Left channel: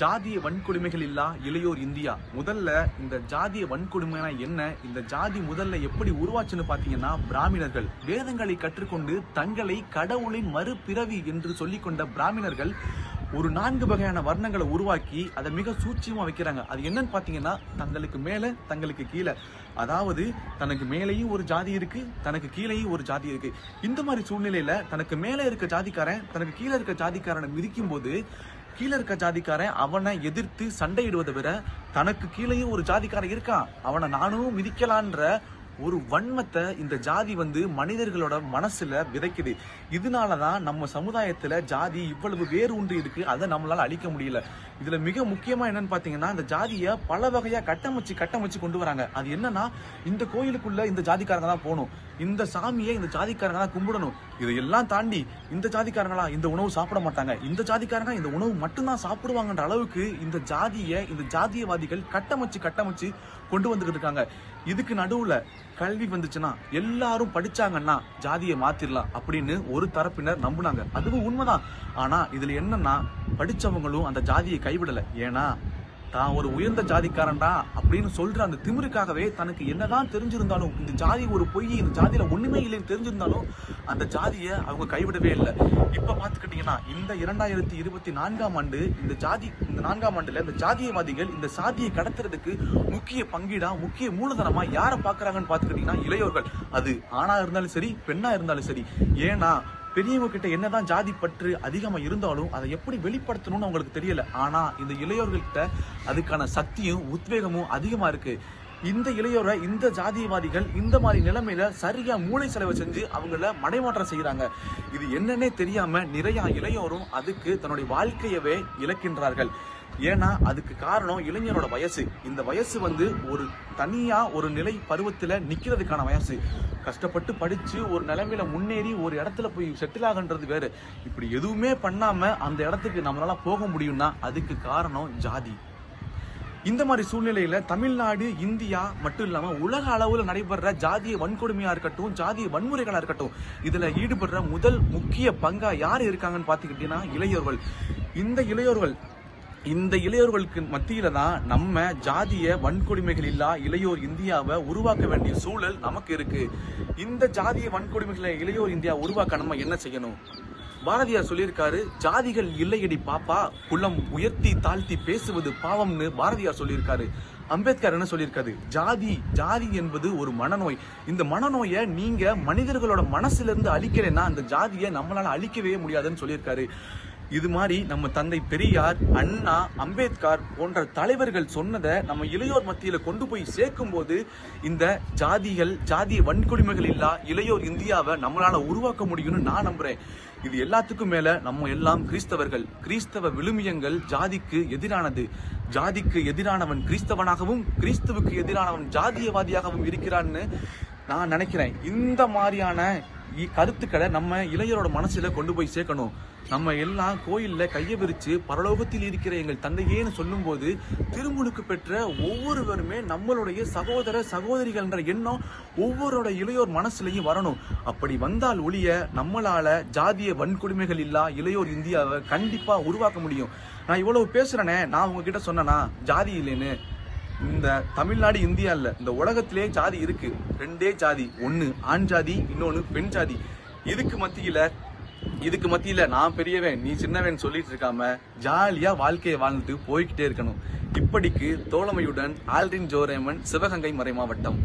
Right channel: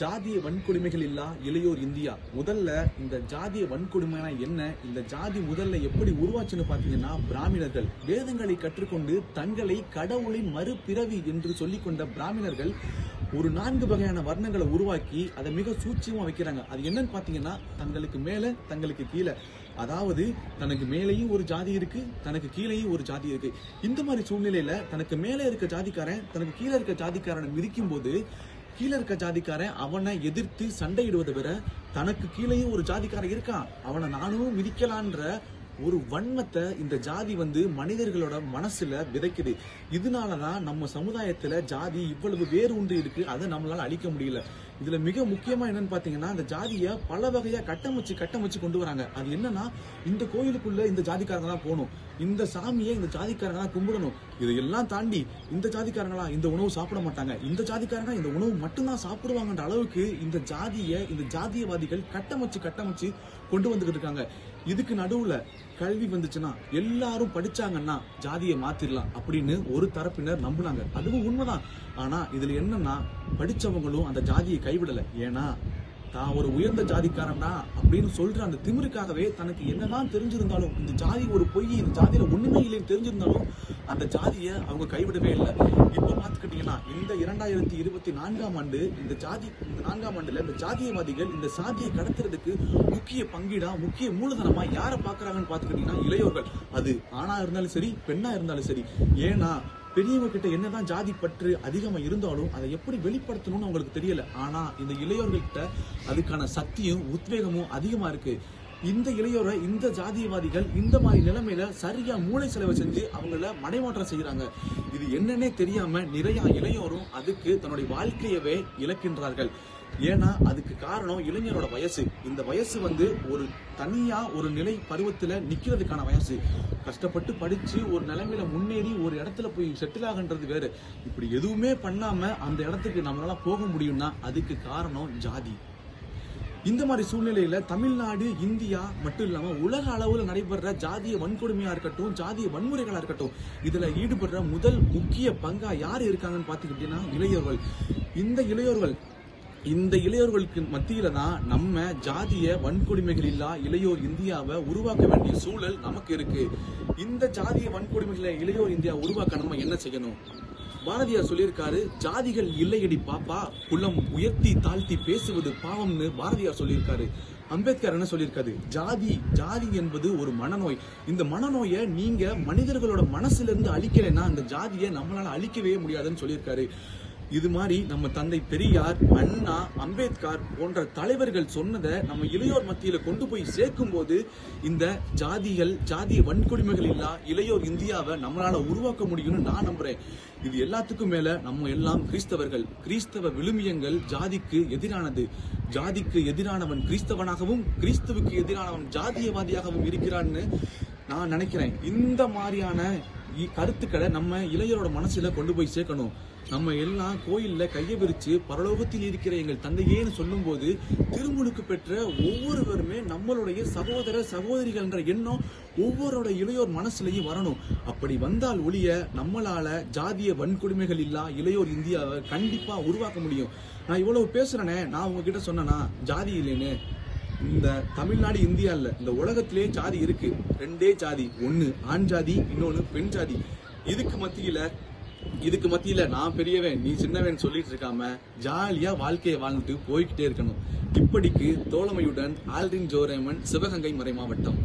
ஜாதிய வன்கொடுமைகள் இல்லா இளையோர் இந்தியா. முதல்ல இந்த ஜாதிய வன்கொடுமைனா என்ன, இந்த ஜாதி முதல்ல எப்படி உருவாச்சுன்னு பாத்தீங்கன்னா, பிராமணர்கள் வேதங்களை கற்றுக்கொண்டு தங்களை கடவுளின் மறுபிறவி என்று சொல்லிக் கொண்ட பிராமணர்கள் ஒரு 4 வகையான வர்ணங்களை உருவாக்கி அதை மிக சூட்சமா வைக்கிறாங்க. அது என்னன்னு பாத்தீங்கன்னா, தங்களுக்கு மேல தங்களுக்கு கீழே, அதாவது தனக்கு மேலேயும் ஒரு ஜாதி இருக்கு, தனக்கு கீழேயும் ஒரு ஜாதி இருக்கு. இந்த மாதிரி சூழ்நிலையில தனக்கு மேல இருக்க ஜாதிக்காரன் தனக்கு கீழே இருக்க ஜாதிக்காரனை மிதிக்கும் போது, கீழே இருக்க ஜாதிக்காரன் அவனை எதிர்த்து சண்டையிடுவதை விட, தனக்கு கீழேயும் ஒரு ஜாதிக்காரன் இருக்கான், அவனை நானும் மிதிக்கலான்ற ஒரு வன்மத்தை இந்த ஜாதி மனிதர்களோட மனசுல விதைக்குது. இதனாலதான் நம்ம சமுதாயத்துல ஜாதி இவ்வளவு வேறு ஒன்று இருக்கு, அதை நம்மளால அழிக்க முடியல. இதுல மிக முக்கியமா என்னன்னு பாத்தீங்கன்னா, இந்த ஜாதிய பல வகையா கட்டமைச்சு கொண்டு வராங்க. அது என்னன்னா, இந்த கோயிலுக்குள்ள இந்த ஜாதிக்காரங்க தான் போகணும், இந்த சாமியை இந்த ஜாதிக்காரங்க தான் கும்பிடணும், இதையெல்லாம் தாண்டி இந்த ஜாதிக்காரங்களா இந்த உணவு சாப்பிட மாட்டாங்க, இந்த ஜாதிக்காரங்க இந்த உணவு மட்டும்தான் சாப்பிடுவாங்கன்ற அளவுக்கு இந்த ஜாதியவாதிகள் கட்டமைச்சு கொண்டு வந்துகிட்டு இருக்காங்க. இதுக்கு நடுவுல கல்வி வந்துச்சுன்னா, எல்லாரும் படிச்சாங்கன்னா ஜாதியை மாத்திரலாம் அப்படின்னு ஒரு தரப்பினர் நம்புனாங்க. அதுவும் உண்மைதான். ஆனா இதுல என்னன்னா, படிச்சவங்களும் அந்த ஜாதியை கைவிடல. ஏன்னா தான் ஒரு உயர்ந்த ஜாதிக்காரன்டா அப்படின்னு சொல்ற அந்த திமிருக்காகவே தனக்கு என்னதான் தெரிஞ்சிருந்தாலும், இந்த ஜாதி ஒரு பொய், இந்த ஜாதியில ஒண்ணுமே இல்லைன்னு தெரிஞ்சிருந்தாலும் அந்த ஜாதியை அவங்க கைவிடவே இல்லை. இப்ப பாத்துக்கிட்டீங்கன்னா, இந்த 2024ஆம் ஆண்டு இந்த 4ஆம் ஆண்டுல இந்த ஜாதியவாதிகள் இந்த சாதியை கடத்துறதுக்கு முக்கிய பங்கீடா, முக்கிய மூலதனமா யார பாக்குறாங்கன்னு பாத்துக்கிட்டீங்கன்னா, இளையோர்கள். அது ஆணா இருந்தாலும் சரி, பெண்ணா இருந்தாலும் சரி. ஏன்னா பெரியவங்க கிட்ட என்னதான் ஜாதி பற்று அதிகமா இருந்தாலும் அதை எப்படி வெளிப்படுத்தணும்னு அவங்களுக்கு தெரியல. ஆனா இந்த இளையோர்கள்கிட்ட அதுக்கான சக்தியும் உத்வேகமும் அதிகமா இருக்கு. இந்த இளையோரை இந்த ஜாதியவாதிகள் இந்த மாதிரி நிலைமையில சரியா மூளை செலவு செஞ்சு அவங்கள மடைமாற்றம் செய்யறாங்க. இது என்னன்னே தெரியாம நிறைய இளையோரும் அதுக்கு தன்னுடைய வாழ்க்கையவே இழக்கின்றார்கள். ஏன்னா அதுக்கு காரணம் இளைஞரோட வயசு. இந்த வயசு ஒரு தனியா ஒரு நிலை பருவத்துல நிக்கிறதுக்கான வயசு. கஷ்டப்பட்டு படிச்சு ஒரு நிலைமையில முன்னேறி ஒரு இடத்துல போய் செட்டில் ஆகன்றது வேற. இப்படி எதுவுமே பண்ணாம அந்த இடத்துக்கு நம்மளால போக முடியும்னா அதுக்கு காரணம் ஜாதி. இந்த மாதிரி சூழ்நிலையில தமிழ்நாடு, இந்தியா மட்டும் இல்லாம உலக அளவுல நடைபெற ஜாதிய வன்கொடுமையா இருக்கட்டும், ஜாதிய வன்முறைகளா இருக்கட்டும், இதுல ஈடுபடுற முதல் முக்கிய பங்கா யாரு இருக்காங்கன்னு பாத்துக்கிட்டீங்கன்னா, இளையோர்கள். இந்த இளையோர்களுக்கு மத்தியில தான் நம்ம ஜாதிய வன்கொடுமைகள் இல்லா இளையோர் இந்தியாவை உருவாக்க வேண்டிய சூழல் நமக்கு இருக்கு. இந்த ஜாதிய வன்கொடுமைகளை இளையோர் இந்தியா உருவாக்க நம்ம என்ன செய்யணும்? பாரதியார் சொல்லியிருக்காரு, ஜாதிகள் இல்லையடி பாப்பா, குலம் உயர்த்தி தாழ்த்தி பேசுவது பாவம்னு பாரதியார் சொல்லியிருக்காரு. அம்பேத்கர் என்ன சொல்லியிருக்காரு, ஜாதி என்பது ஒரு மனநோய். இந்த மனநோயை நீங்க மனிதர்களோட மனசுல இருந்து அழிக்கலைன்னா அந்த ஜாதியை நம்மளால அழிக்கவே முடியாதுன்னு சொல்லியிருக்காரு. இது மாதிரி நம்ம தந்தை பெரியார், அண்ணா, அம்பேத்கர் போன்ற தலைவர்கள் சொன்னதை நம்ம இளையோர் மத்தியில கொண்டு போய் சேர்க்கும் போது இந்த ஜாதிய வன்கொடுமைகள் இல்லா இளையோர் இந்தியாவை நம்மளால உருவாக்க முடியும்னு நான் நம்புறேன். இது எல்லாத்துக்கும் மேல நம்ம எல்லாம் கிறிஸ்தவர்கள். கிறிஸ்தவ விழுமியங்கள் ஜாதிக்கு எதிரானது. ஜாதிக்கு எதிரானவன் கிறிஸ்தவனாகவும், கிறிஸ்துவுக்கு எதிரானவன் ஜாதியவாதியாகவும் இருக்கிறான்னு நான் நினைக்கிறேன். இந்த மாதிரியான கருத்துக்களை நம்ம இளைஞரோட மனசுல கொண்டு போய் சேர்க்கணும். நம்ம எல்லாம் கோயில்ல கையை விரிச்சு பரலோகத்தில் இருக்கிற எங்கள் தந்தையேன்னு சொல்லும் போது திருமுழுக்கு பெற்ற ஒவ்வொருவருமே நம்மளுடைய சகோதர சகோதரிகள் என்ற எண்ணம் ஒவ்வொருடைய இளையோர் மனசுலயும் வரணும். அப்படி வந்தால் ஒழிய நம்மளால ஜாதிய வன்கொடுமைகள் இல்லா இளையோர் இந்தியாவை கண்டிப்பா உருவாக்க முடியும். நான் இவ்வளவு பேசுறேனே, நான் உங்ககிட்ட சொன்னா ஜாதி இல்லைன்னு. இந்த தமிழ்நாடு, இந்தியா இல்ல, இந்த உலகத்திலே ஜாதி இருக்கு. 2 ஜாதி, ஒன்னு ஆண் ஜாதி, இன்னொன்னு பெண் ஜாதி. இதுக்கு மத்தியில நான் பெரியவன் நீ சின்னவன் சொல்லிட்டு இருக்காம ஜாலியா வாழ்க்கையை வாழ்ந்துட்டு போய்கிட்டே இருக்கணும். இப்படிக்கு தோழமையுடன் ஆல்ரின் ஜோரேமன், சிவகங்கை மறை மாவட்டம்.